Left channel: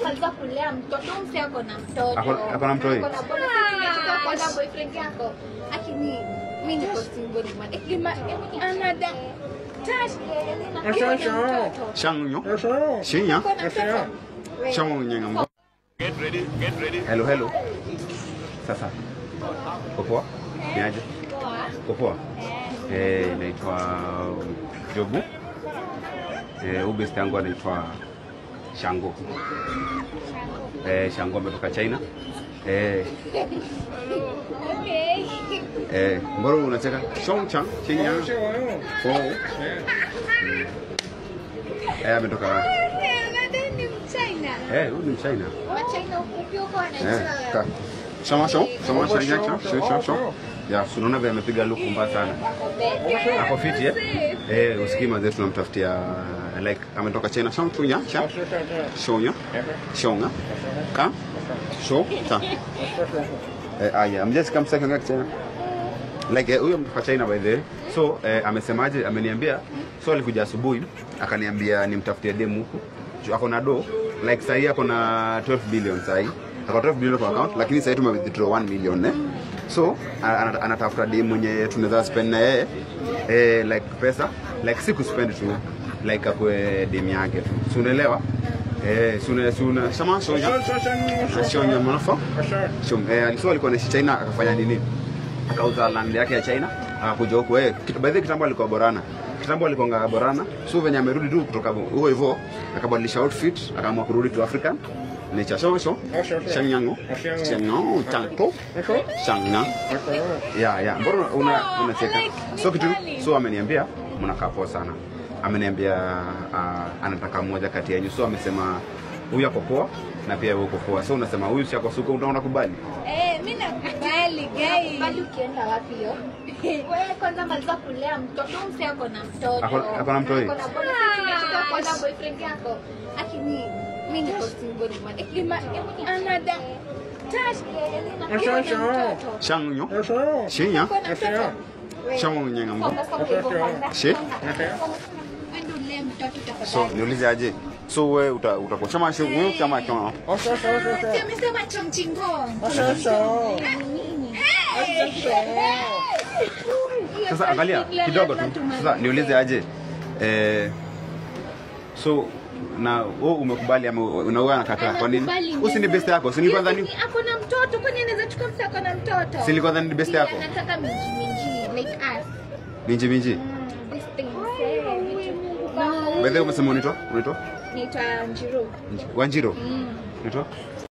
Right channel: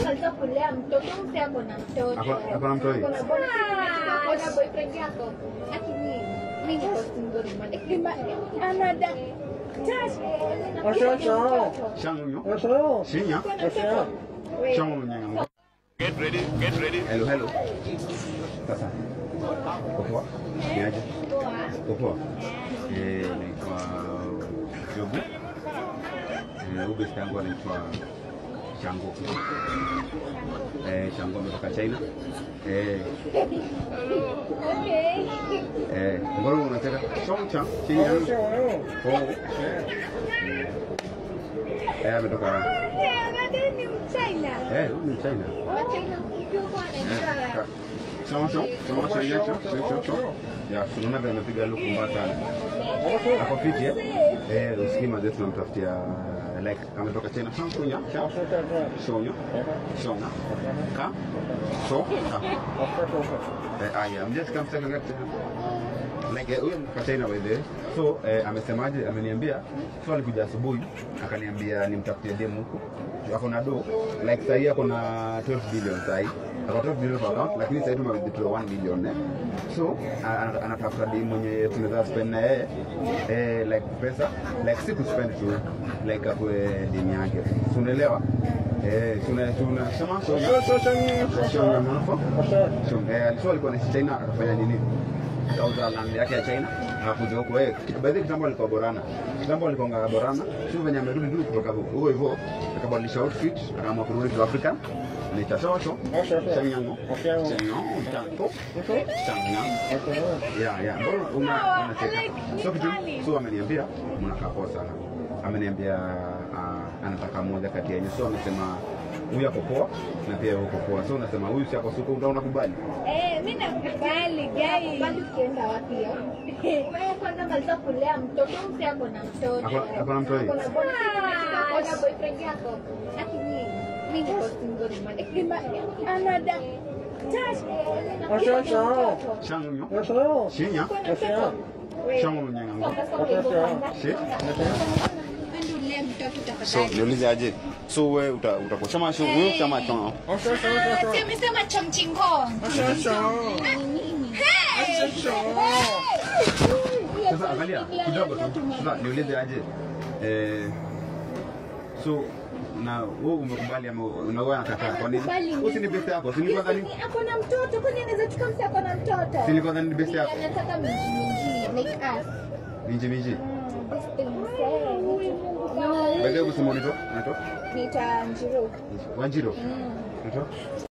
Kwanza kulea mtoto mse ako na mtoto. Ako na mtoto. Ako na boyfriend yako. Lakini mimi niko single man. Anada. Shangyo. Shinya. Shangyo nyanga. Get ready. Hello. Sasa. Poa. Niaje? Poa. Naitwa Jobu. Ubest yangu anaitwa Shango. Shango ametoka China. Okay. Mbona unacheka? Chongchang, Xinjiang. Ametoka. Ni Mchina. Huyu ni China. Wachina ukioko anaitwa. Shama. Ya, unaona vile amepiga look mbaya sana. Ako fit usikima zetu tunamtafutia like ametoka China Shonga. Ka? Shonga. I'm just come second back China. Like huyo mtoka China by the way. So amesemaje ameniambia so alikuja asubuhi akaniambia nimtafutie demu huko. Ako na do like sasa ako na 12 billion sasa. Ako 12 billion kwa account lakini sasa tume withdraw 1 million So anatafuta demu mwenye tunaweza spend na yeye like pesa like siku spend tu like akwe demu yake. So unaelewa? Suna shama shonya manafa. Alisema alikuwa na China akafanya nini? Akauza land yake ya China akakuja huko by the kitambo alikuwa Borana. So venye amerudi tu kutoka huko hivyo akabadilisha outfit akaamua kurudi to African nature Shangyangu tanto Shangna mbona unacheka so ameniambia mnakaa poa sana ameniambia anataka mmoja kati yenu so amesema huyu ako poa na pia wewe uko poa so unasema huyu si ako suko unakubali mimi nakubali guys bali ukienda wapi hiyo wewe kwanza maliza kulea mtoto mse ako na mtoto ako na mtoto ako na boyfriend yako lakini mimi niko single man anada Shangyo Shinya Shangyo nyanga mko So niulize aje so wewe utakuwa chama huyo chama chama amesema chongchingo Sasa angalia kidogo tu sasa niulize aje so na wewe umekubali ama unaoa anakataa kwa nini usini best yako si kwanza ni ako na mtoto kwani anaweza chukua msa ako na mtoto si kwanza ni best yako anataka minji like us minji By the way umesema unaitwa Naitwa Wanjiru. Unaitwa